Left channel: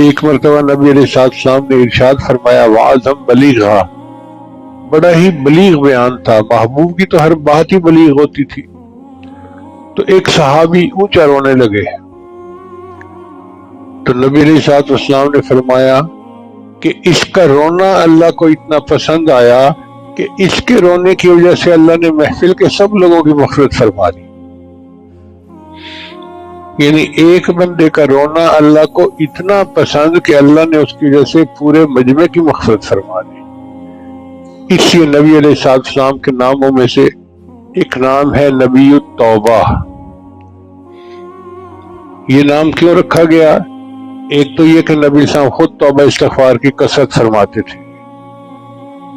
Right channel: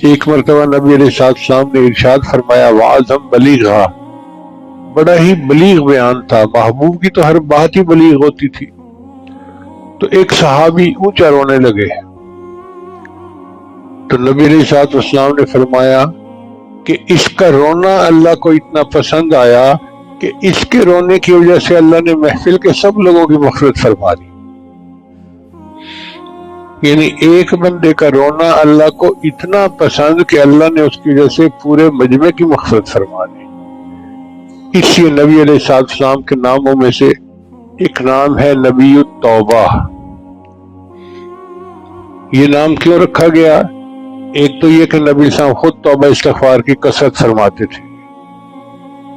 ایک مرتبہ نبی علیہ السلام نے ارشاد فرمایا وعظم بلیغا، بڑا ہی بلیغ بیان تھا، محبوب کی تو ہر بات ہی بلیغ ہوتی تھی۔ تو ایک صحابی اونچا رونے لگے، تو نبی علیہ السلام نے فرمایا کہ اس کا رونا اللہ کو اتنا پسند آیا کہ اس کے رونے کی وجہ سے اللہ نے محفل کے سب لوگوں کی مغفرت فرما دی۔ یعنی ایک بندے کا رونا اللہ کو اتنا پسند کہ اللہ نے اس کی وجہ سے پورے مجمع کی مغفرت فرما دی۔ اس لیے نبی علیہ السلام کے ناموں میں سے ایک نام ہے نبی التوبہ۔ یہ نام کیوں رکھا گیا؟ ایک تو یہ کہ نبی صاحب خود توبہ استغفار کی کثرت فرماتے تھے،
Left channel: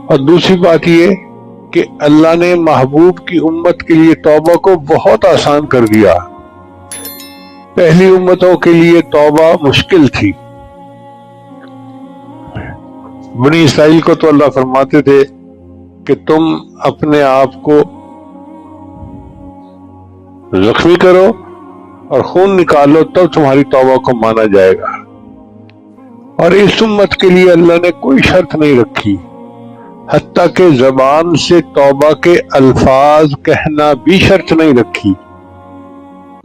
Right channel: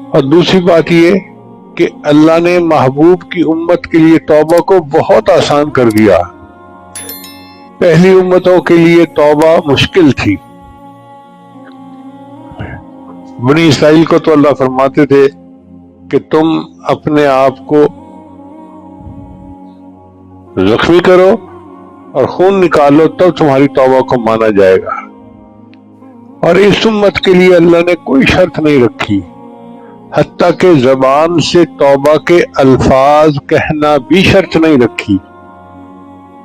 اور دوسری بات یہ کہ اللہ نے محبوب کی امت کے لیے توبہ کو بہت آسان کر دیا۔ پہلی امتوں کے لیے توبہ مشکل تھی۔ بنی اسرائیل کو تو اللہ فرماتے تھے کہ تم اپنے آپ کو زخمی کرو اور خون نکالو تو تمہاری توبہ کو مانا جائے گا، اور اس امت کے لیے اللہ نے کوئی شرط نہیں رکھی، حتیٰ کہ زبان سے توبہ کے الفاظ کہنا بھی شرط نہیں رکھی۔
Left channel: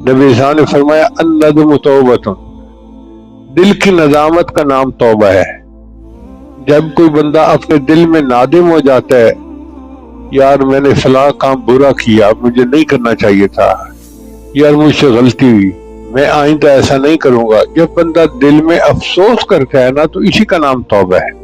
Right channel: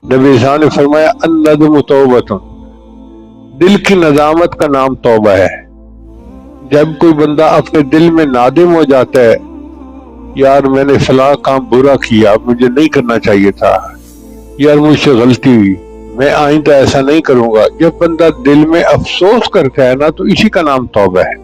نبی صاحب نے فرمایا الندم توبۃ، دل کی ندامت کا نام توبہ ہے۔ جب کوئی بندہ اپنے دل میں نادم ہو جاتا ہے، یار میں نے فلاں کام برا کیا، مجھے نہیں کرنا چاہیے تھا، یار مجھ سے غلطی ہوئی، میں آئندہ ایسا نہیں کروں گا، جب بندہ دل میں افسوس کرتا ہے نا تو اسی کا نام توبہ ہے۔